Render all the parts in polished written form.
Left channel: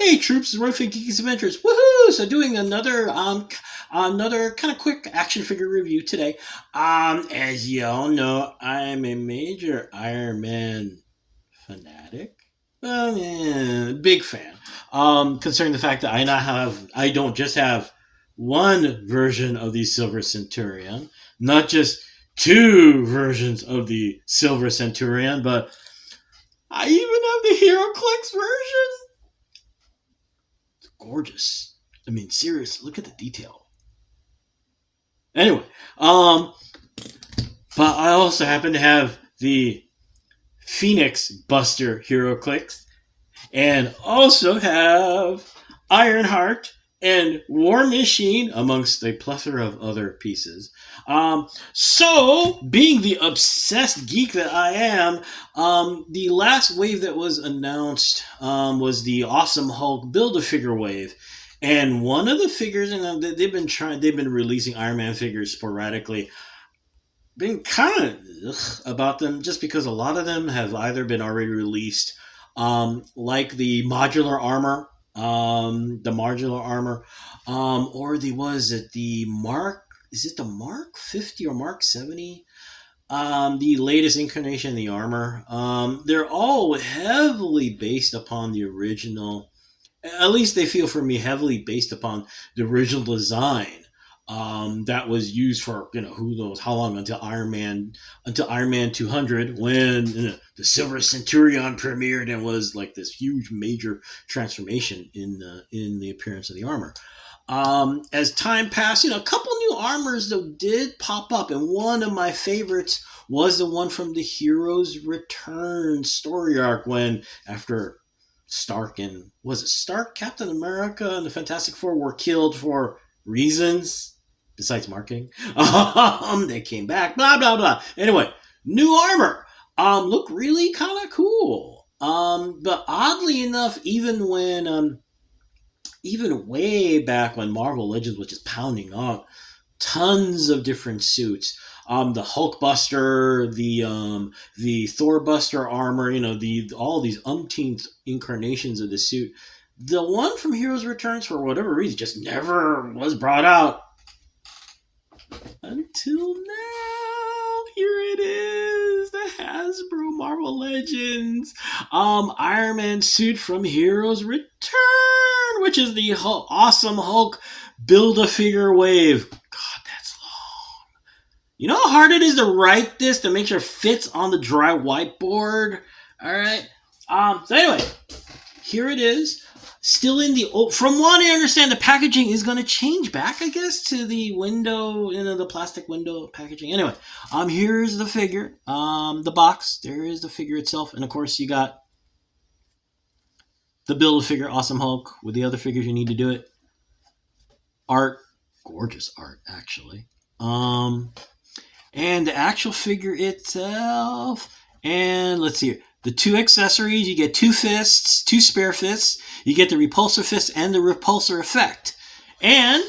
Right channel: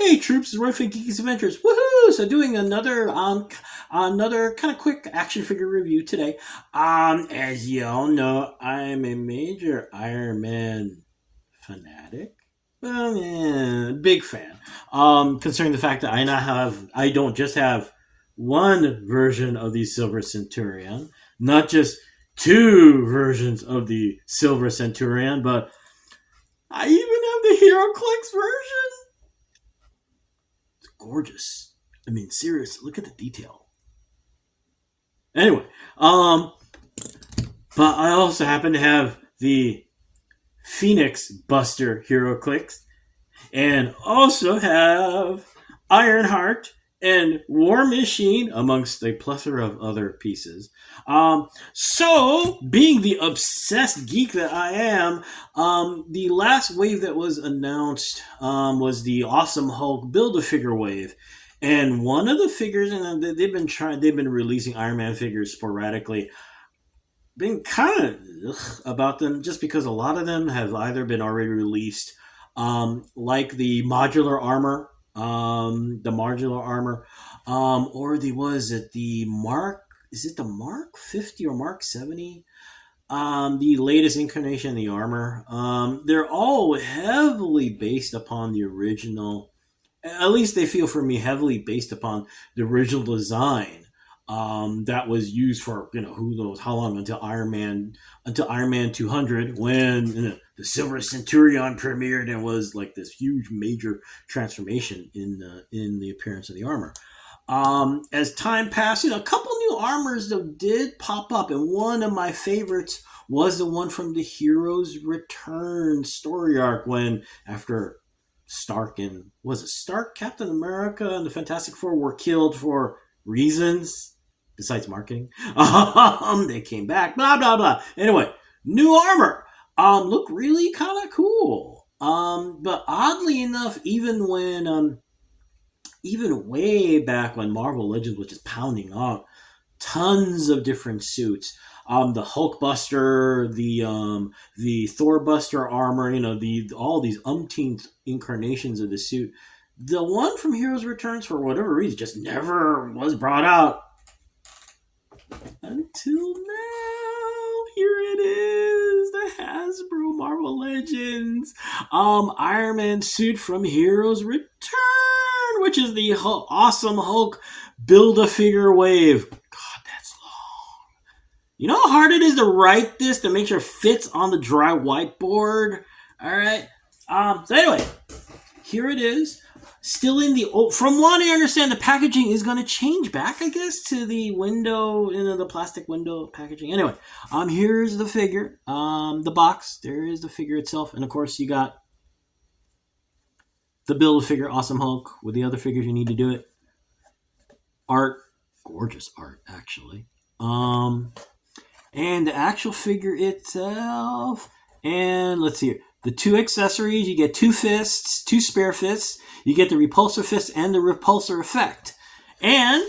Hey troops, it's Roy Geeks Adventures. Woohoo! So doing another kind of quick action figure review today. As you all know, I'm a major Iron Man fanatic. Big fan. Considering the fact that I don't just have one version of the Silver Centurion, not just two versions of the Silver Centurion, but I even have the Hero Clicks version. Gorgeous. I mean, seriously, look at the detail. Anyway, but I also happen to have the Phoenix Buster Hero Clicks, and also have Ironheart and War Machine, amongst a plethora of other pieces. So, being the obsessed geek that I am, the last wave that was announced was the Awesome Hulk Build-A-Figure wave. And one of the figures, they've been releasing Iron Man figures sporadically. Been kind of about them just because a lot of them have either been already released, like the modular armor, or is it the Mark 50 or Mark 70? The latest incarnation of the armor. They're all heavily based upon the original. At least they feel for me heavily based upon the original design. That was used for who knows how long until Iron Man 200, when the Silver Centurion premiered and was like this huge major transformation in the appearance of the armor. As time passed, a couple new armors that did pop up, and one of my favorites was the one from the Heroes Return story arc, when after Stark, Captain America, and the Fantastic Four were killed for reasons besides marketing. They came back, blah blah blah. Anyway, new armor. Look really kind of cool. But oddly enough, even way back when Marvel Legends was just pounding out tons of different suits. The Hulk Buster, the Thor Buster armor, all these umpteenth incarnations of the suit. The one from Heroes Returns, for whatever reason, just never was brought out. Until now, here it is, the Hasbro Marvel Legends Iron Man suit from Heroes Return, which is the Awesome Hulk Build-A-Figure wave. God, that's long. You know how hard it is to write this to make sure it fits on the dry whiteboard? Alright. So anyway, here it is. Still in the old, from what I understand, the packaging is going to change back, I guess, to the window, the plastic window packaging. Anyway, here's the figure, the box. There is the figure itself, and of course, you got the Build-A-Figure Awesome Hulk with the other figures you need to do it. Art, gorgeous art, actually. And the actual figure itself, and let's see here. The two accessories, you get two fists, two spare fists. You get the repulsor fist and the repulsor effect. And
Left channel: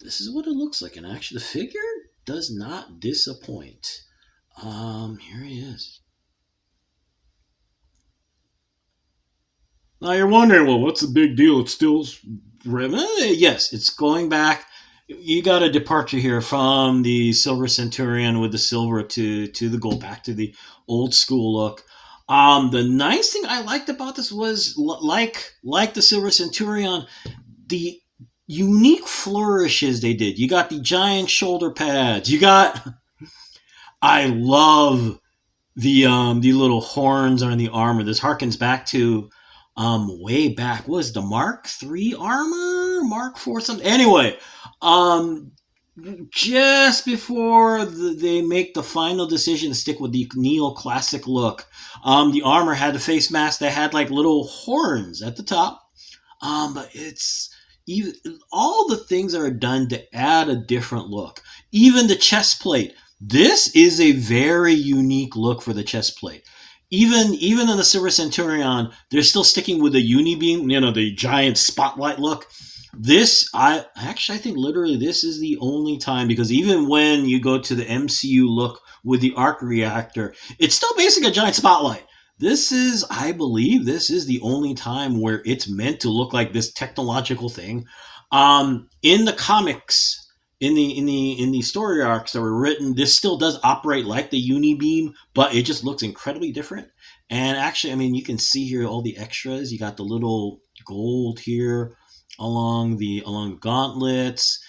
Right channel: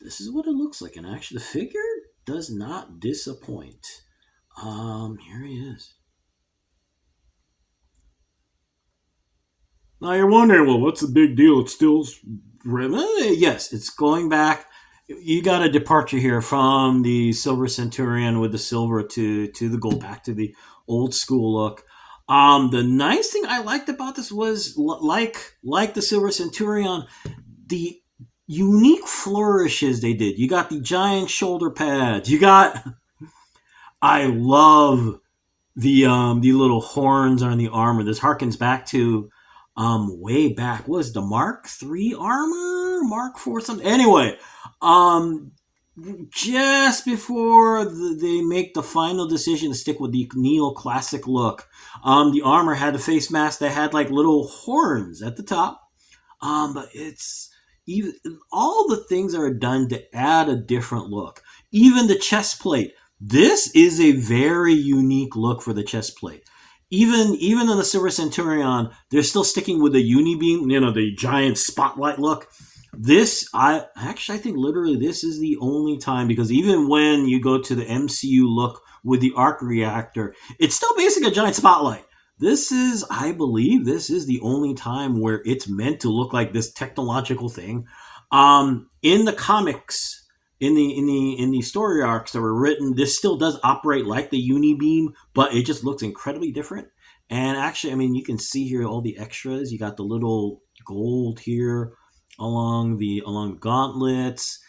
this is what it looks like. And actually, the figure does not disappoint. Here he is. Now you're wondering, well, what's the big deal? It's still... Yes, it's going back. You got a departure here from the Silver Centurion with the silver to the gold, back to the old school look. The nice thing I liked about this was, like the Silver Centurion, the unique flourishes they did. You got the giant shoulder pads. I love the little horns on the armor. This harkens back to way back. What was the Mark III armor? Mark IV something? Anyway, just before they make the final decision to stick with the neoclassic look, the armor had a face mask that had like little horns at the top. But it's even all the things that are done to add a different look. Even the chest plate. This is a very unique look for the chest plate. Even in the Silver Centurion, they're still sticking with the unibeam, the giant spotlight look. I think literally this is the only time, because even when you go to the MCU look with the arc reactor, it's still basically a giant spotlight. This is, I believe, this is the only time where it's meant to look like this technological thing. In the comics, in the story arcs that were written, this still does operate like the Unibeam, but it just looks incredibly different. And actually, I mean, you can see here all the extras. You got the little gold here along the gauntlets.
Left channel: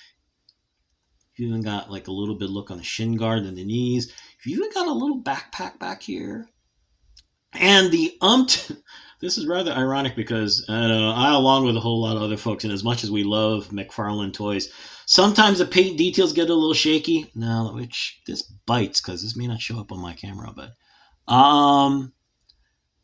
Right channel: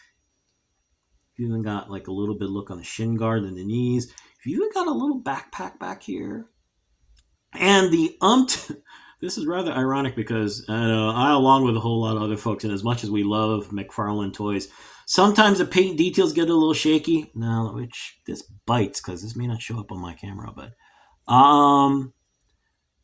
You even got like a little bit look on the shin guard and the knees. You even got a little backpack back here. And this is rather ironic because I, along with a whole lot of other folks, and as much as we love McFarlane toys, sometimes the paint details get a little shaky. Now, which this bites because this may not show up on my camera, but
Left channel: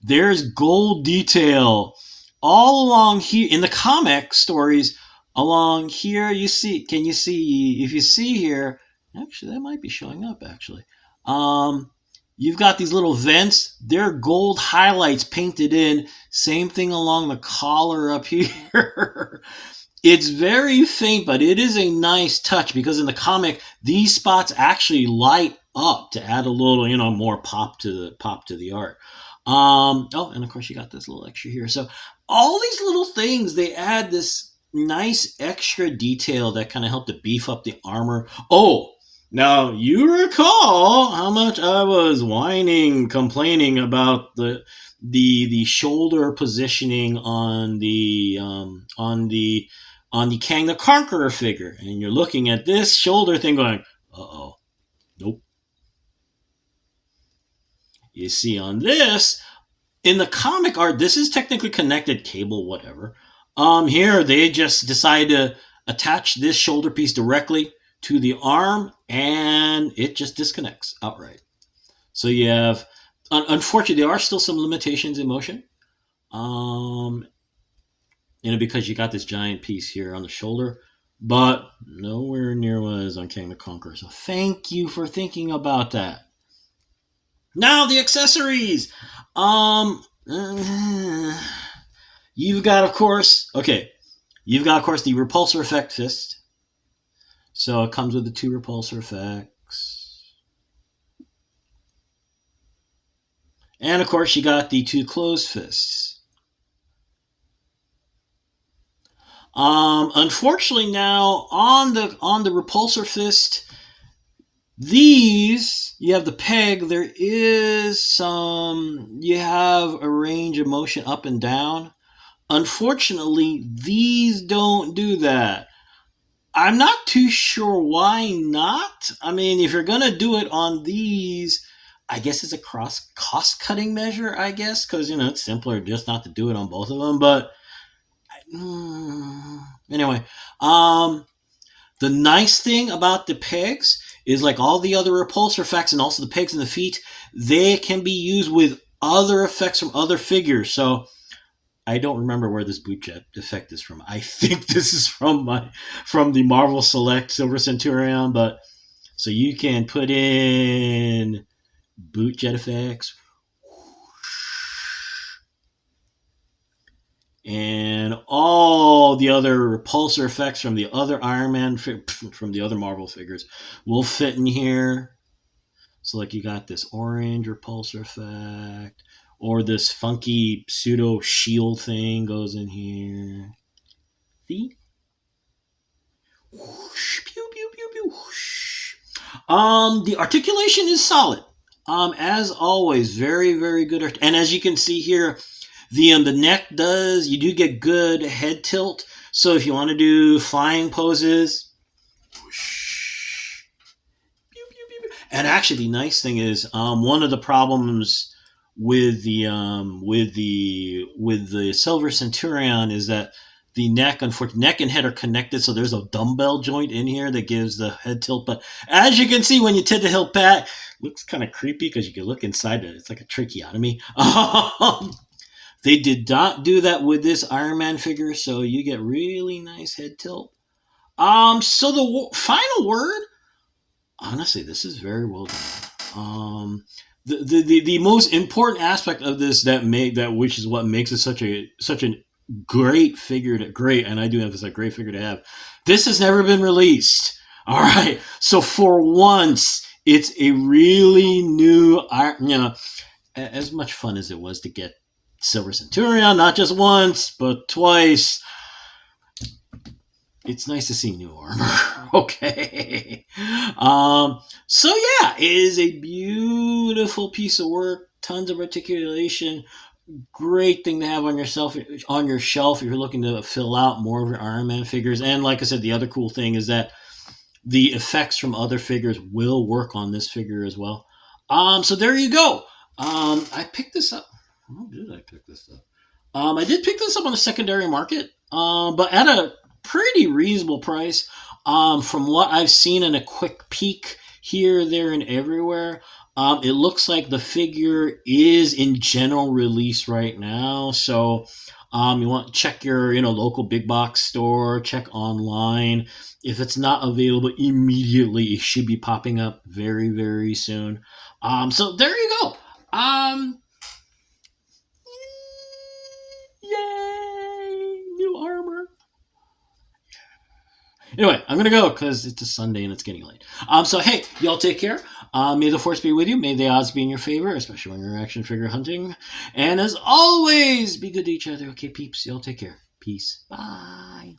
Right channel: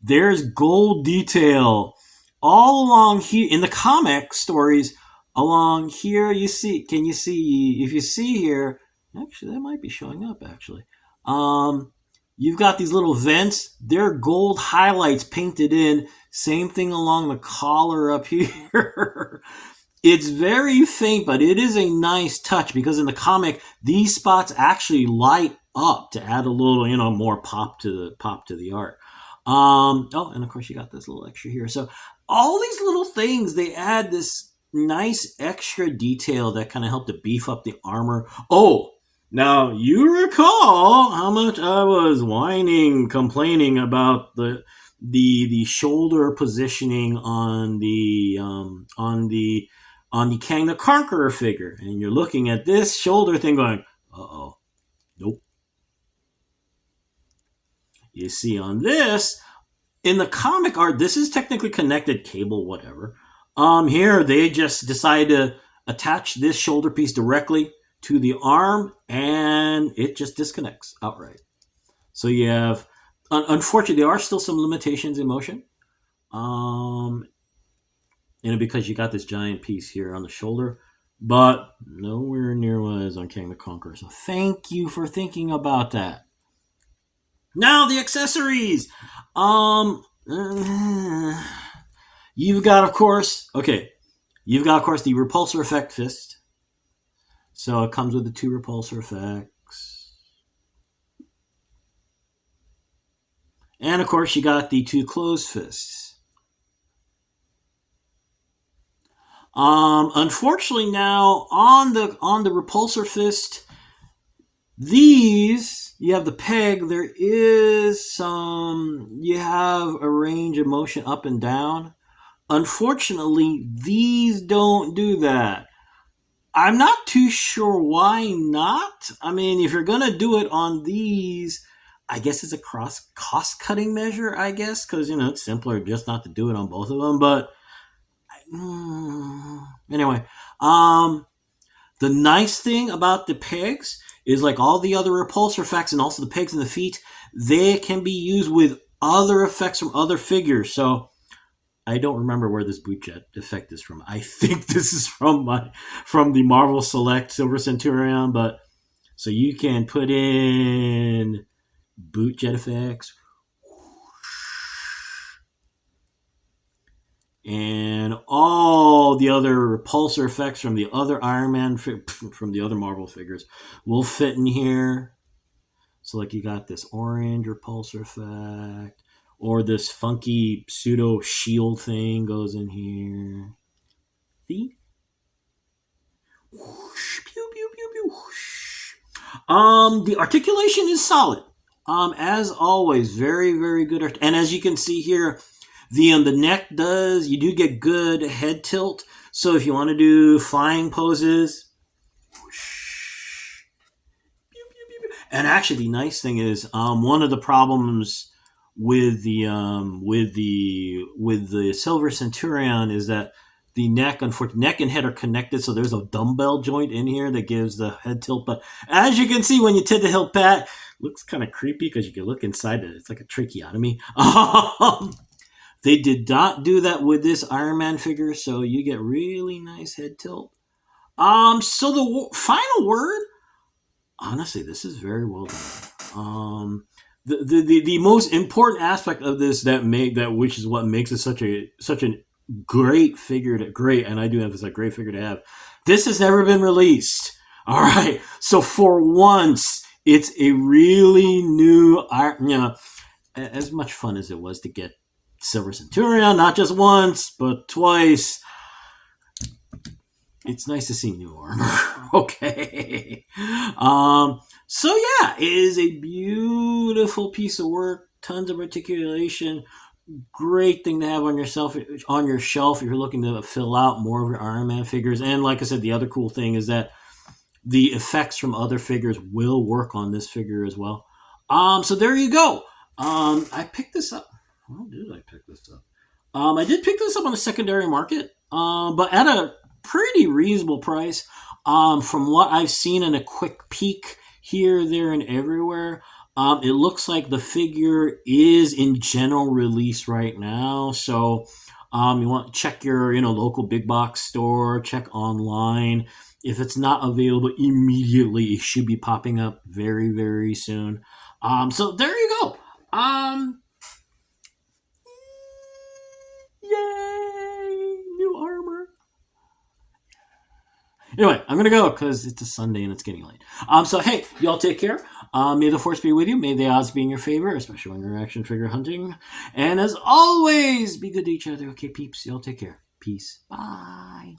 there's gold detail all along here in the comic stories. Along here, you see. Can you see? If you see here, actually, that might be showing up. Actually, you've got these little vents. They're gold highlights painted in. Same thing along the collar up here. It's very faint, but it is a nice touch because in the comic, these spots actually light up to add a little, more pop to the art. Oh, and of course you got this little extra here. So all these little things, they add this nice extra detail that kind of help to beef up the armor. Oh, now you recall how much I was complaining about the shoulder positioning on the Kang the Conqueror figure, and you're looking at this shoulder thing going, uh-oh, nope. You see on this, in the comic art, this is technically connected cable, whatever. Here, they just decide to attach this shoulder piece directly to the arm, and it just disconnects outright. So you have, unfortunately, there are still some limitations in motion. Because you got this giant piece here on the shoulder, but nowhere near what is on King the Conqueror. So thank you for thinking about that. Now the accessories. You've got, of course, the repulsor effect fist. So it comes with the 2 repulsor effects. And of course, you got the 2 closed fists. Unfortunately, now on the repulsor fist, these, you have the peg. There is you have a range of motion up and down. Unfortunately, these don't do that. I'm not too sure why not. I mean, if you're gonna do it on these, I guess it's a cost-cutting measure, I guess, because it's simpler just not to do it on both of them. But anyway, the nice thing about the pegs is, like all the other repulsor effects and also the pegs in the feet, they can be used with other effects from other figures. So I don't remember where this boot jet effect is from. I think this is from the Marvel Select Silver Centurion, but so you can put in boot jet effects. And all the other repulsor effects from the other Iron Man, from the other Marvel figures, will fit in here. So, like, you got this orange repulsor effect, or this funky pseudo shield thing goes in here. See? Whoosh, pew, pew, pew, pew, whoosh. The articulation is solid. As always, very, very good. And as you can see here, the neck you do get good head tilt. So if you want to do flying poses, whoosh, pew, pew, pew, pew. And actually the nice thing is, one of the problems with the Silver Centurion is that the neck and head are connected, so there's a dumbbell joint in here that gives the head tilt. But as you can see, when you tip the hilt pat, it looks kind of creepy because you can look inside it. It's like a tracheotomy. They did not do that with this Iron Man figure, so you get really nice head tilt. So the final word, honestly, this is very well done. The most important aspect of this which is what makes it such a great figure and I do emphasize great figure to have. This has never been released. All right, so for once, it's a really new, as much fun as it was to get Silver Centurion, not just once, but twice, it's nice to see new armor. Okay. So yeah, it is a beautiful piece of work. Tons of articulation. Great thing to have on your shelf if you're looking to fill out more of your Iron Man figures. And like I said, the other cool thing is that the effects from other figures will work on this figure as well. So there you go. I picked this up. How did I pick this up? I did pick this up on the secondary market, but at a pretty reasonable price. From what I've seen in a quick peek here, there, and everywhere, it looks like the figure is in general release right now. So you want to check your local big box store, check online. If it's not available immediately, it should be popping up very, very soon. So there you go. Yay! New armor. Anyway, I'm gonna go because it's a Sunday and it's getting late. So hey, y'all take care. May the force be with you. May the odds be in your favor, especially when you're action figure hunting. And as always, be good to each other. Okay, peeps. Y'all take care. Peace. Bye.